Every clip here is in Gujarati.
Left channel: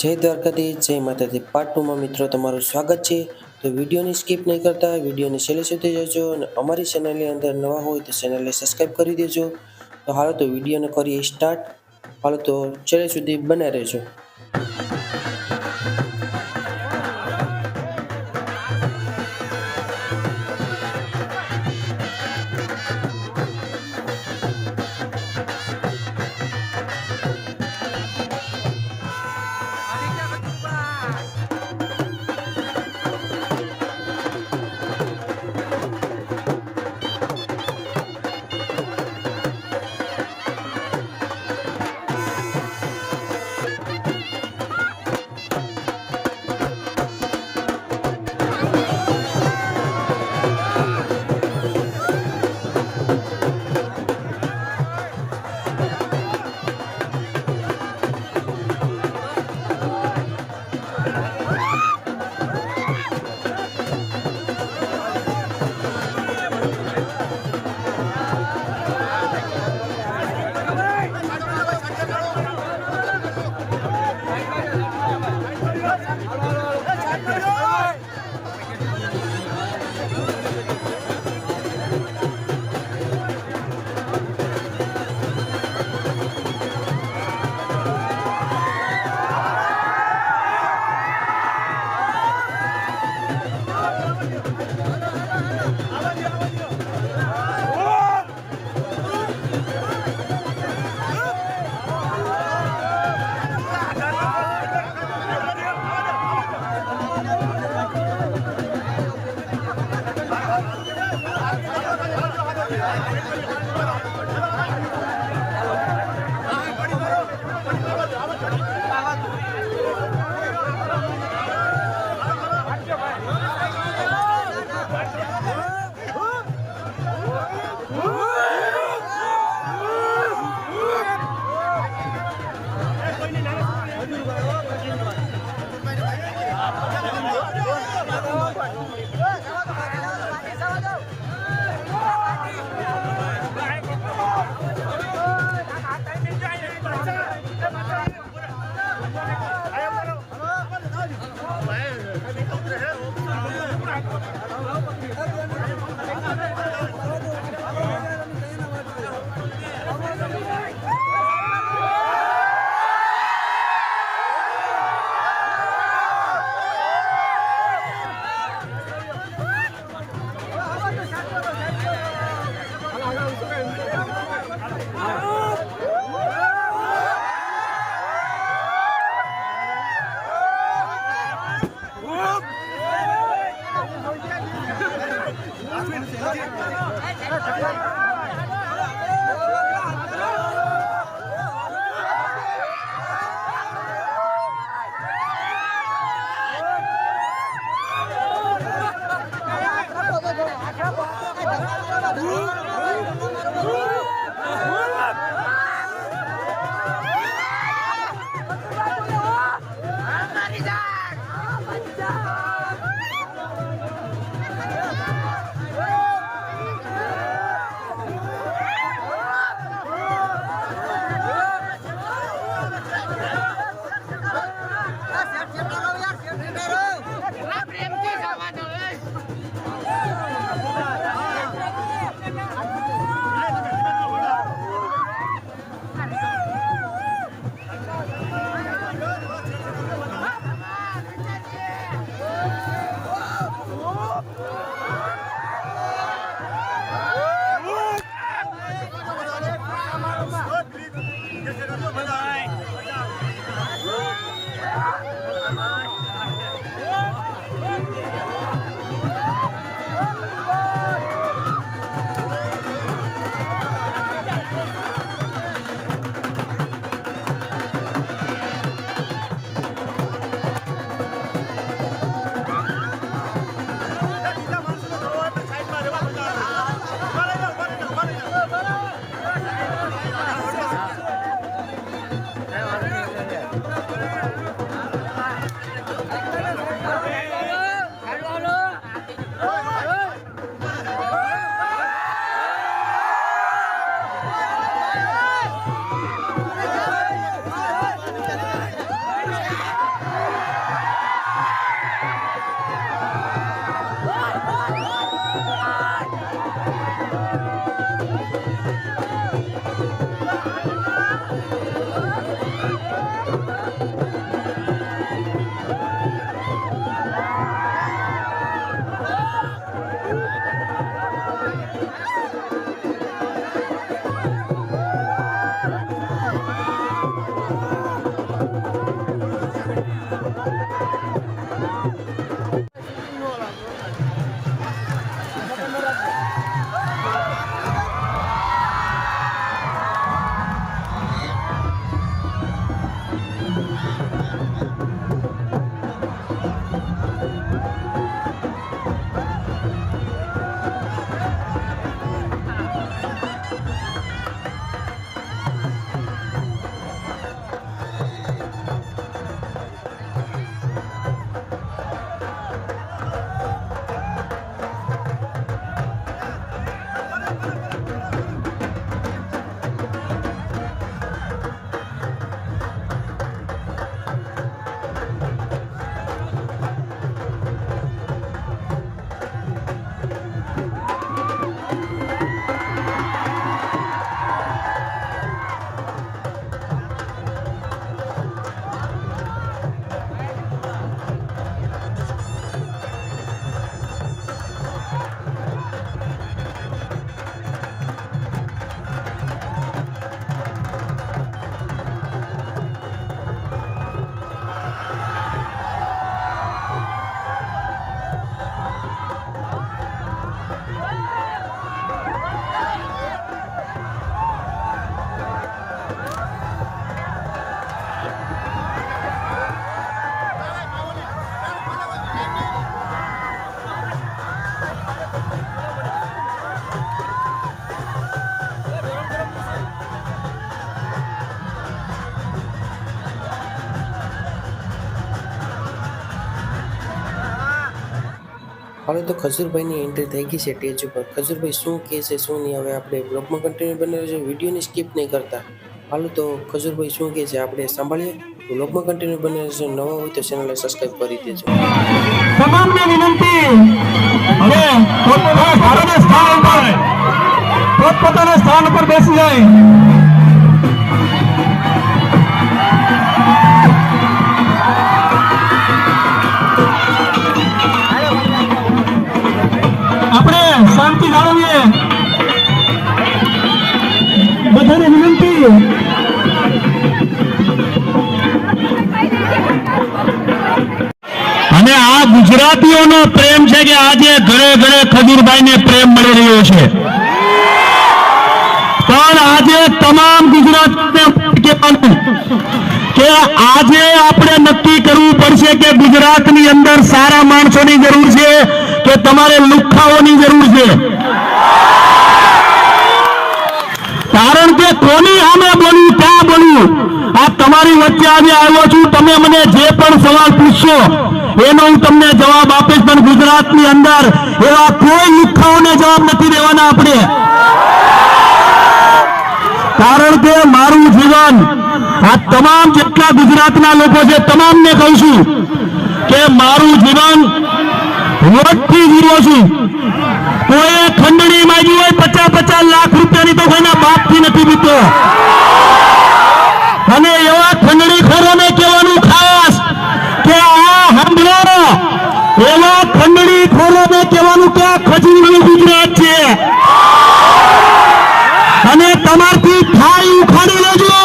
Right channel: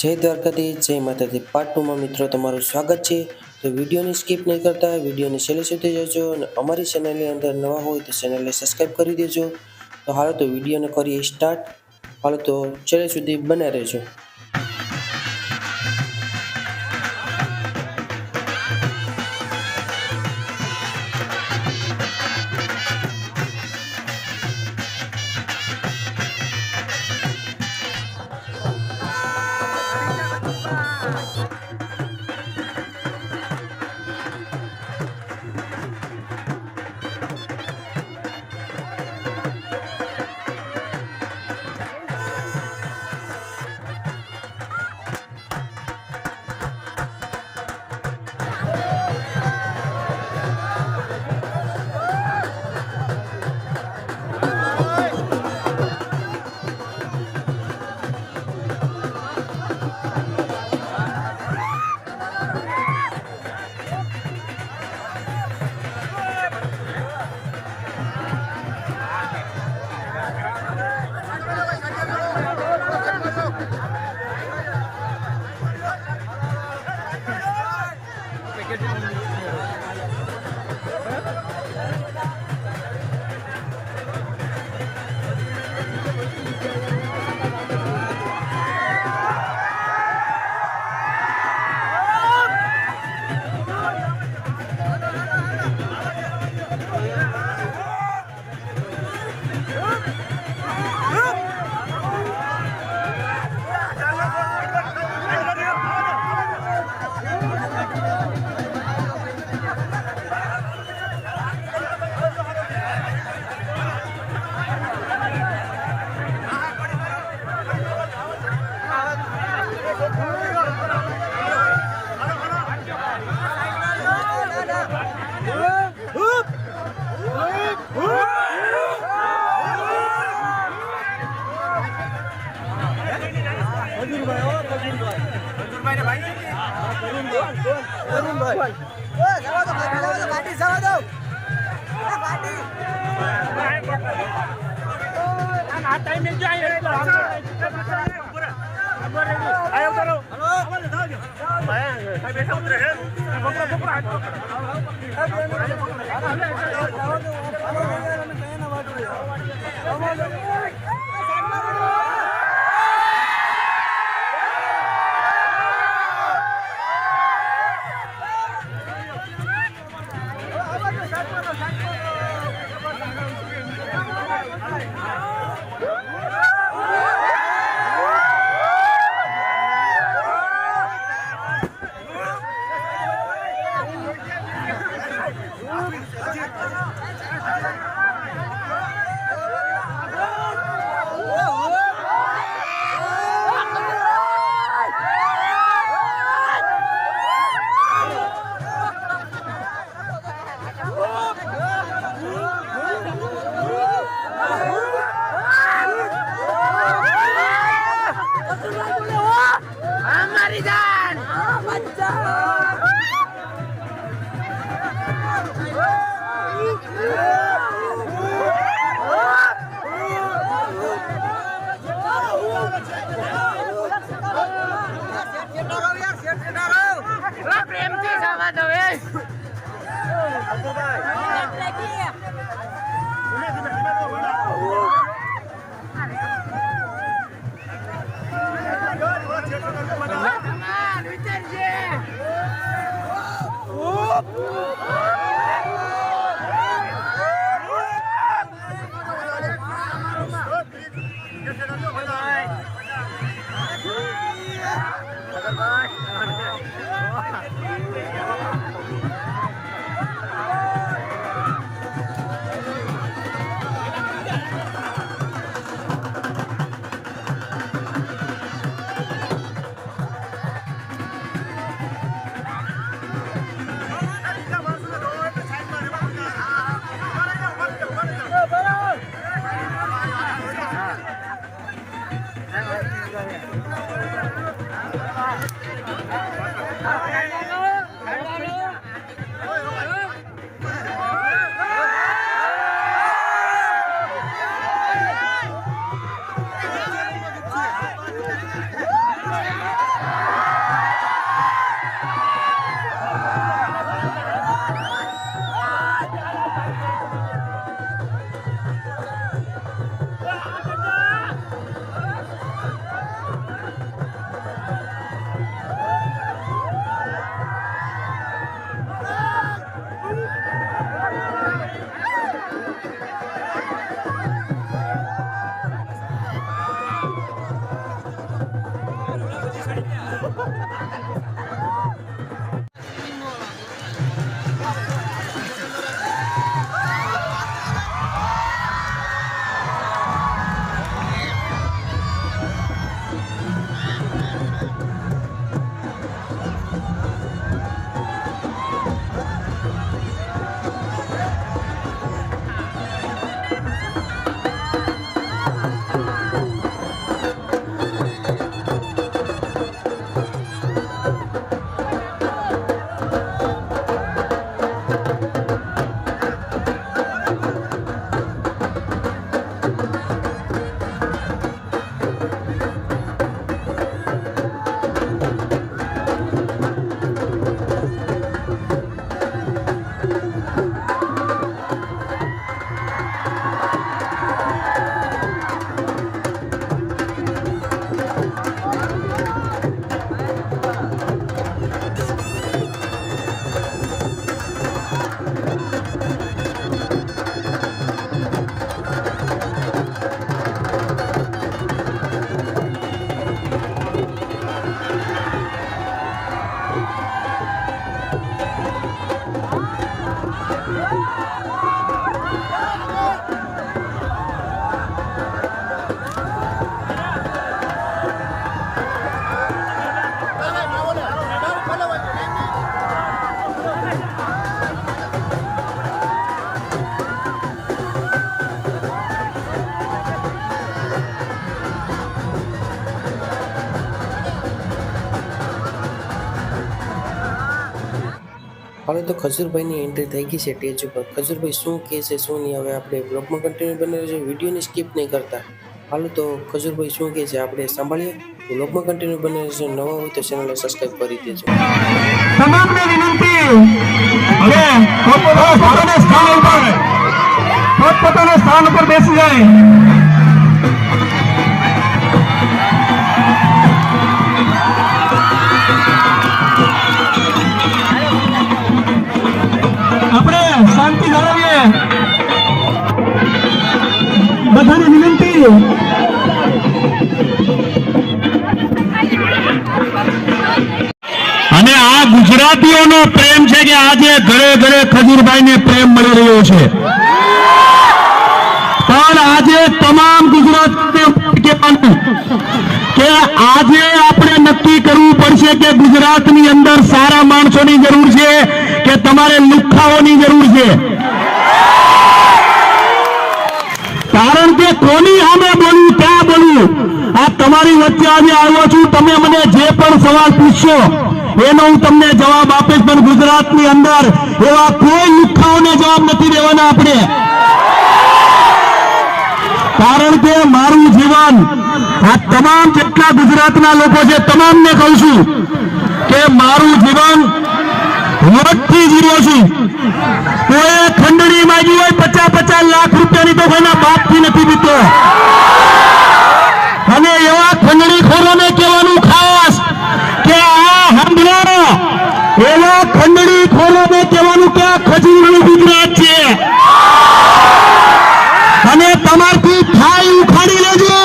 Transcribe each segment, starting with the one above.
જય દ્વારકાધીશ, જય માતાજી. પાર્ટ ટુમાં મિત્રો તમારું સ્વાગત છે. તો વિડીયોની સ્કીપ નહીં કરતા, વિડીયોને છેલ્લે સુધી જજો અને અમારી ચેનલની અંદર નવા હોય તો ચેનલને સબસ્ક્રાઈબ કરી દેજો. તો હાલો તો વિડીયોને કરીએ સ્ટાર્ટ હાલો તો છેલ્લે સુધી બને રહેજો. Obrigado. હવે તો ખજૂરભાઈની એન્ટ્રી થઈ ગઈ છે સ્ટેજ ઉપર. ખજૂરભાઈ શું કહે છે, શું નહીં, હવે આપણે બ્લોગમાં કન્ટિન્યુ બને છે. વિડીયોને સ્કીપ નહીં કરતા. હાલો તો ખજૂરભાઈ શું કહે છે, આપણે સાંભળીએ? બ્લોગમાં કન્ટિન્યુ બને છે, નવા હોય તો ચેનલને સબસ્ક્રાઈબ કરી દેજો. તમામને વિનંતી, હવે પોતપોતાના સ્થાન ઉપર, પોતપોતાના સ્થાન ઉપર બેસી જાય. વિનંતી અને આ ગુજરાતીઓનો પ્રેમ છે કે આજે ઘરે ઘરે ખજીરભાઈને પ્રેમ મળી રહ્યો છે. પણ આજે તમામ ગુજરાતી કે આજે આપણે નક્કી કરવું પડશે કે ગુજરાતની અંદર સારા માણસોની જરૂર છે કે તમારે લુખ્ખાઓની જરૂર છે કારણ કે કોની સામે બોલ્યું ક્યાં બોલ્યું આ તમારી વચ્ચે આજે આવ્યો છું તમે મને જે પણ સવાલ પૂછશો. એનો હું તમને જવાબ આપીશ, પણ ગુજરાતની અંદર એવા કોઈ લુખ્ખાઓને જવાબ નથી દેવાના આપણે. કારણ કે મારું જીવન આ તમામ જેટલા ગુજરાતના લોકો છે, તમામને કહું છું કે મારું જીવન વોટથી જીવ્યો છું. કોઈ ખંડણી માંગી હોય પચાસ પચાસ લાખ રૂપિયાની તો કોઈના બાપથી નથી દીધો અને એવા ખંડણી ખોરોને કહેવાનું ખાસ કે આ હંભળો એવા ખંડણી ખોરોને કહેવાનું કે આ ખજૂરનું ગુજરાત છે અને તમારથી થાય ઉખાડી લેજો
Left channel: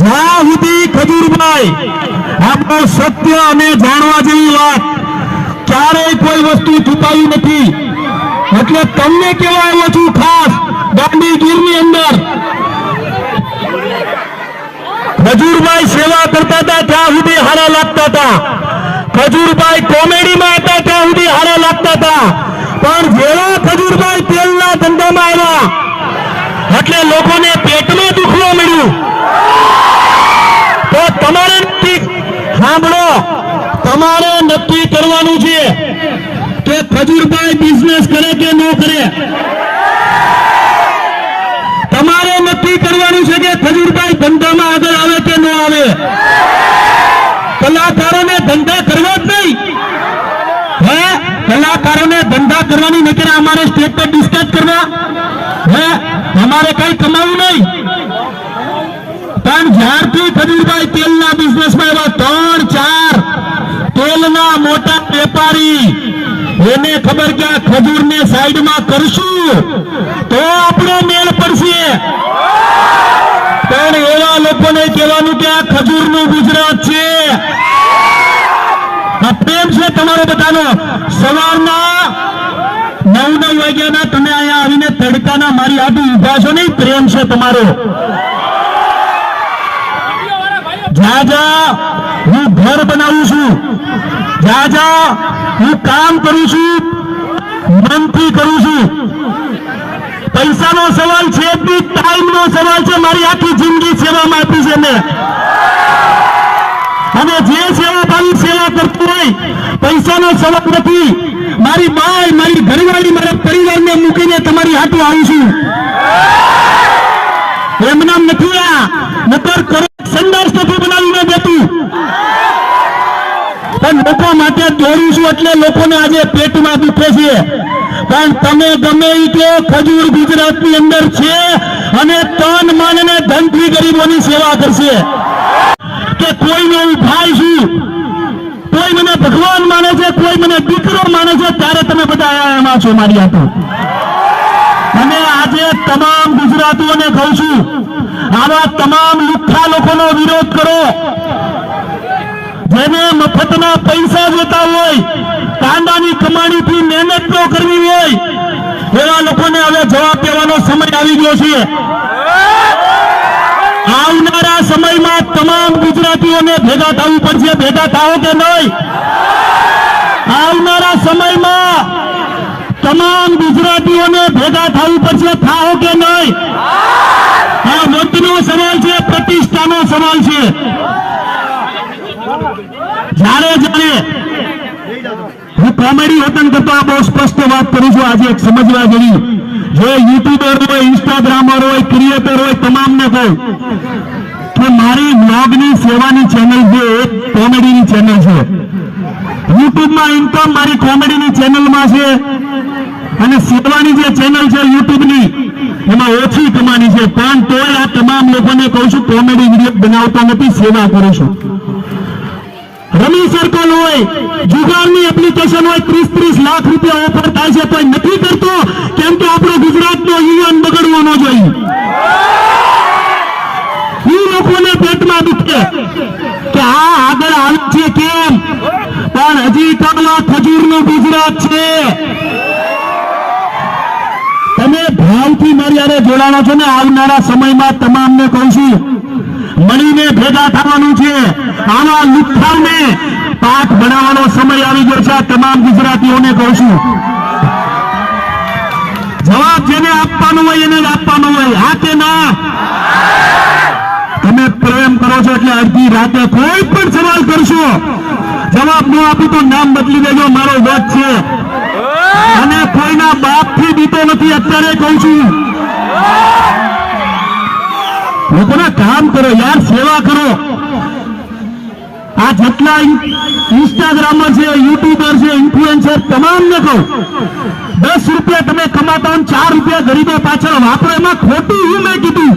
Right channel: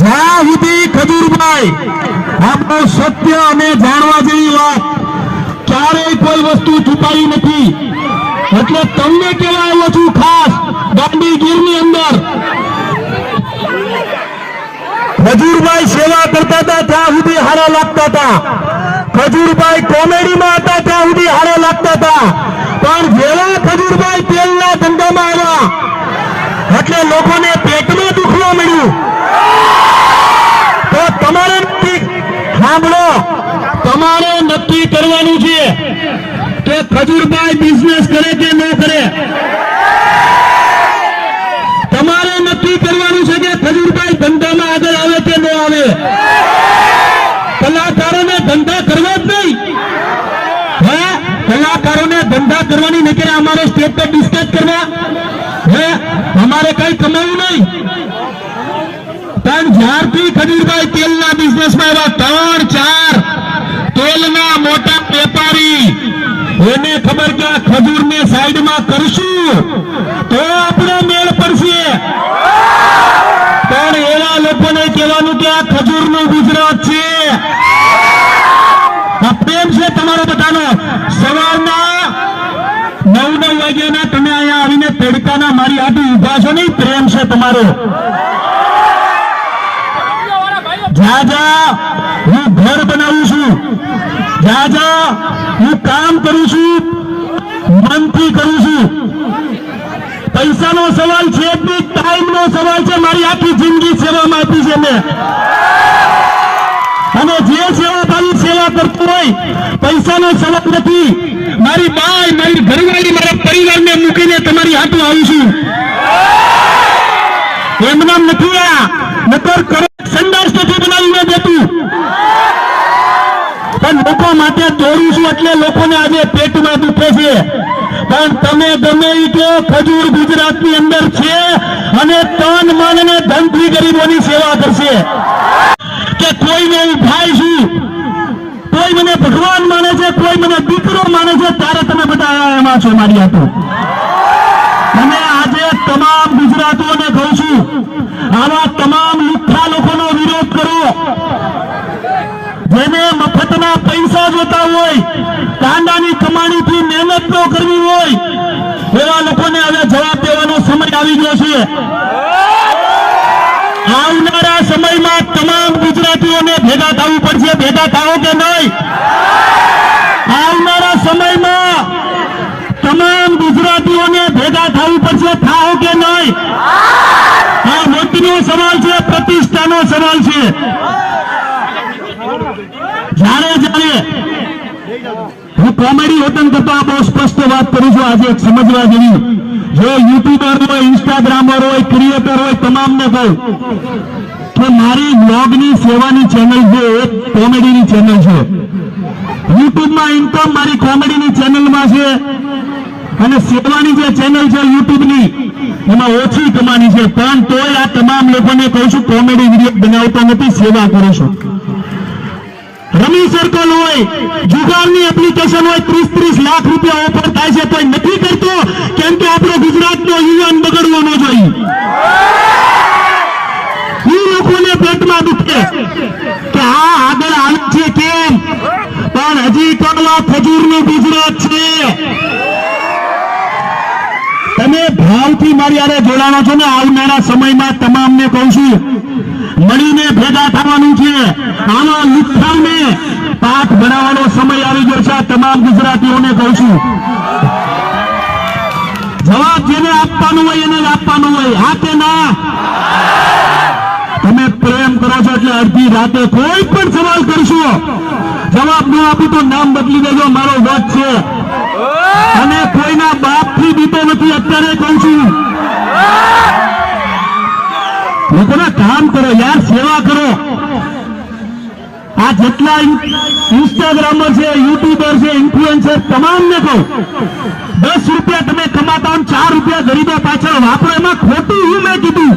જ્યાં સુધી ખજૂરભાઈ આપણો સત્ય અને જાણવા જેવી વાત ક્યારેય કોઈ વસ્તુ છુપાઈ નથી. એટલે તમને કેવા આવ્યો છું ખાસ દાંડીગીરની અંદર. ખજૂરભાઈ સેવા કરતા હતા, ત્યાં સુધી હારા લાગતા હતા. ખજૂરભાઈ કોમેડીમાં હતા, ત્યાં સુધી હારા લાગતા હતા. પણ જેવા ખજૂરભાઈ તેલના ધંધામાં આવ્યા. એટલે લોકોને પેટમાં દુખવા મળ્યું. તો તમારે સાંભળો. તમારે નક્કી કરવાનું છે. મજૂરભાઈ બિઝનેસ કરે કે ન કરે? તમારે નક્કી કરવાનું છે કે ખજૂરભાઈ ધંધામાં આગળ આવે કે ન આવે? કલાકારોને ધંધા કરવા જ નહીં. હે? કલાકારોને ધંધા કરવાની નહીં અમારે સ્ટેટ પર ડિસ્કસ કરવા? હે? અમારે કઈ કમાવું નહીં. પણ જ્યારથી ખજૂરભાઈ તેલના બિઝનેસમાં એવા ત્રણ ચાર, તેલના મોટા વેપારી એને ખબર કે આ સાઈડ સાઈડમાં કરશું. તો આપણો મેળ પડશે. પણ એવા લોકોને કહેવાનું કે આ ખજૂરનું ગુજરાત છે. આ પ્રેમ છે તમારો બધાનો. સવારના નવ નવ વાગ્યાના તમે અહીંયા આવીને તડકાના મારી આટલું ઊભા છો નહીં? પ્રેમ છે તમારો. જા જા. હું ઘર બનાવું છું. જા જ્યાં હું કામ કરું છું, મનથી કરું છું. પૈસાનો સવાલ છે ટાઈમ નો સવાલ છે, મારી આખી જિંદગી સેવામાં આપી છે મેં. અને જે સેવા ભાવી સેવા કરતું હોય, પૈસાનો સવાલ નથી. મારી બાય મારી ઘરવાળી, મારા પરિવારને મૂકીને તમારી હાથે આવું છું. એમના નથી આવ્યા. નકર કરો સંદાસ નથી બનાવીને દેતું પણ માટે દોડું છું એટલે લોકોને આજે પેટમાં દુખે છે. પણ તમે ગમે તે ખજૂર ગુજરાતની અંદર છે અને તન મન અને ધનથી ગરીબોની સેવા કરશે. કે કોઈનો હું ભાઈ છું, કોઈ મને ભગવાન માને છે, કોઈ મને દીકરો માને છે, ત્યારે તમે બધા અહીંયા છો મારી હાથે. અને આજે તમામ ગુજરાતીઓને કહું છું, આવા તમામ લુખ્ખા લોકોનો વિરોધ કરો જેને મફતના જોતા હોય, કાંડાની કમાણીથી મહેનત ન કરવી હોય, એવા લોકોને હવે જવાબ દેવાનો સમય આવી ગયો છે. આવનારા સમયમાં તમામ ગુજરાતીઓને ભેગા થવું પડશે, ભેગા થાઓ કે નહીં? આવનારા સમયમાં તમામ ગુજરાતીઓને ભેગા થવું પડશે, થાઓ કે નહીં? આ મતનો સવાલ છે, પ્રતિષ્ઠાનો સવાલ છે. કોમેડી વતન કરતા બહુ સ્પષ્ટ વાત કરું છું. આજે સમજવા જેવી જે યુટ્યુબર હોય, ઇન્સ્ટાગ્રામર હોય, ક્રિએટર હોય, તમામને કહું કે મારી વ્લોગની સેવાની ચેનલ છે, એ કોમેડીની ચેનલ છે. યુટ્યુબમાં ઇન્કમ મારી કોમેડીની ચેનલમાં છે. અને સેવાની જે ચેનલ છે યુટ્યુબની, એમાં ઓછી કમાની છે. પણ તોય આ તમામ લોકોને કહું છું, કોમેડી વીડિયો બનાવતો નથી, સેવા કરું છું. રમી સર્કલ હોય, જુગારની એપ્લિકેશન હોય ત્રીસ ત્રીસ લાખ રૂપિયા ઓફર થાય છે પણ નથી કરતો કેમ કે આપણો ગુજરાતનો યુવાન બગડવો ન જોઈએ. એ લોકોને પેટમાં દુખે. કે આ આગળ આવે છે કેમ? પણ હજી પણ આ ખજૂરનું ગુજરાત છે. તમે ભાવથી મારી આરે જોડાણા છો ને, આવનારા સમયમાં તમામને કહું છું ભેગા થવાનું છે. આવા લુખ્ખાઓને પાઠ બનાવવાનો સમય આવી ગયો છે. તમામ ગુજરાતીઓને કહું છું. જવાબ જેને આપવાનો હોય એને આપવાનો હોય. હા કે ના. તમે પ્રેમ કરો છો એટલે અડધી રાતે કોઈ પણ સવાલ કરશો. જવાબ ન આપી તો નામ બદલી દેજો. મારો વેદ છે. અને કોઈના બાપથી દીતો નથી. અત્યારે કહું છું. લોકોને કામ કરો, યાર, સેવા કરો. આ જેટલા ઇન્સ્ટાગ્રામર છે, યુટ્યુબર છે, ઇન્ફ્લુએન્સર, તમામને કહું, દસ રૂપિયા તમે કમાતા હોય ચાર રૂપિયા ગરીબો પાછળ વાપરો, એમાં ખોટું હું મેં કીધું.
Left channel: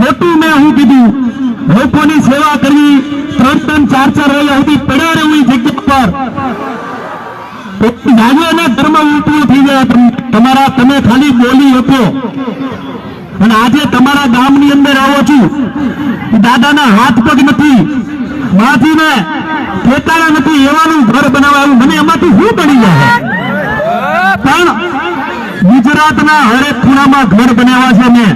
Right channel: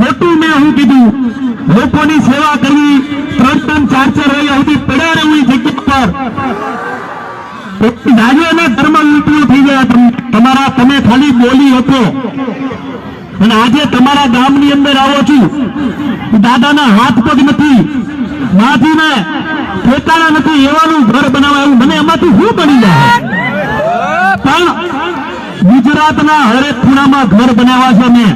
ખોટું મેં હું કીધું. લોકોની સેવા કરવી, ત્રણ ત્રણ ચાર ચાર વાગ્યા સુધી પડ્યા રહેવું જગ્યા પર. ધર્મ ઉલટું થઈ ગયા તમારા, તમે ખાલી બોલી હતો અને આજે તમારા ગામની અંદર આવ્યો છું. દાદાના હાથ પગ નથી. માજીને પોતાના નથી. એવાનું ઘર બનાવવાનું. મને એમાંથી શું બની જાય? પણ ગુજરાતના હરેક ખૂણામાં ઘર બનાવ્યા છે મેં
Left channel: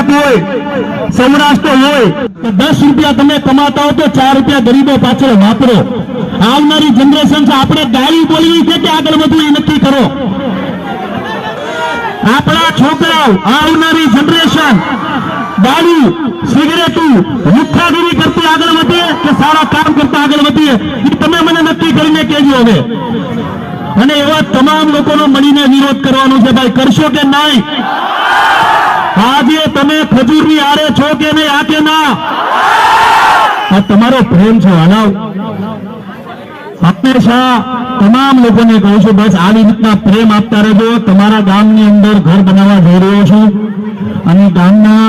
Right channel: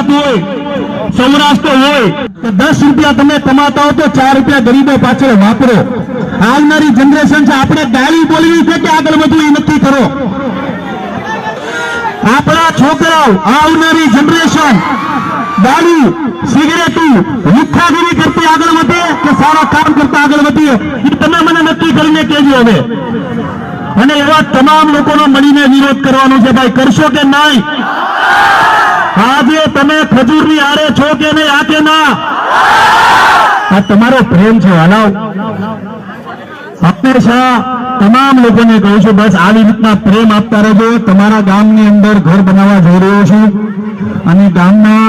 ગુજરાત હોય, સૌરાષ્ટ્ર હોય, તો દસ રૂપિયા તમે કમાતા હો તો ચાર રૂપિયા ગરીબો પાછળ વાપરો. આવનારી જનરેશન છે, આપણે ગાળી બોલવી છે કે આગળ વધવું એ નક્કી કરો. આપણા છોકરાઓ, આવનારી જનરેશન દારૂ સિગરેટું લુખ્ખાગીરી કરતી આગળ વધે કે સારા કામ કરતા આગળ વધીએ, એ તમે મને નક્કી કરીને કહેજો હવે. અને એવા તમામ લોકોનો મળીને વિરોધ કરવાનો છે, ભાઈ, કરશો કે નહીં? તમે ખજૂરની આરે છો કે નહીં આ કે ના? આ તમારો પ્રેમ છે હલાવ હંમેશા તમામ લોકોને કહું છું, બસ આવી રીતના પ્રેમ આપતા રહેજો. તમારા ગામની અંદર ઘર બનાવવા જઈ રહ્યો છું. અને ગામના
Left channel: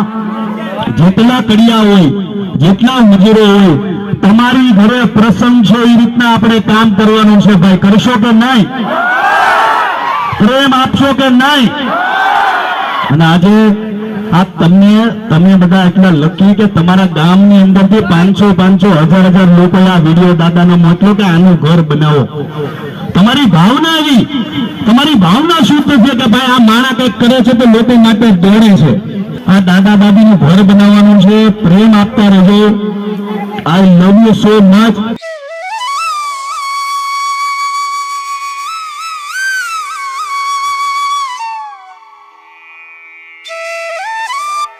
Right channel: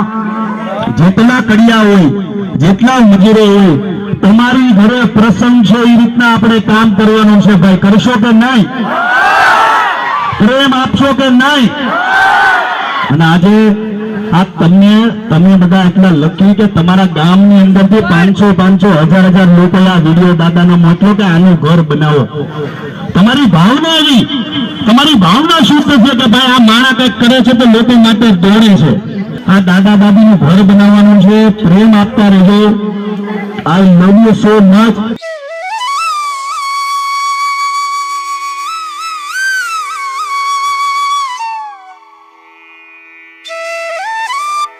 જેટલા કડિયા હોય, જેટલા મજૂરો હોય, તમારી ઘરે પ્રસંગ છે, એ રીતના આપણે કામ કરવાનું છે, ભાઈ. કરશો કે નહીં? પ્રેમ આપશો કે નહીં? અને આજે આ તમને, તમે બધા એટલા લકી કે તમારા ગામની અંદરથી પાંચસો પાંચસો, હજાર હજાર લોકો આ વીડિયો દાદાને મોકલો કે આનું ઘર બનાવો. તમારી ભાવના એવી, તમારી ભાવના શુદ્ધ છે કે ભાઈ આ માણા કંઈક કરે છે તો લોકો માટે દોડે છે. આ દાદા દાદીનું ઘર બનાવવાનું છે, પ્રેમ આપતા રહેજો. I love you so much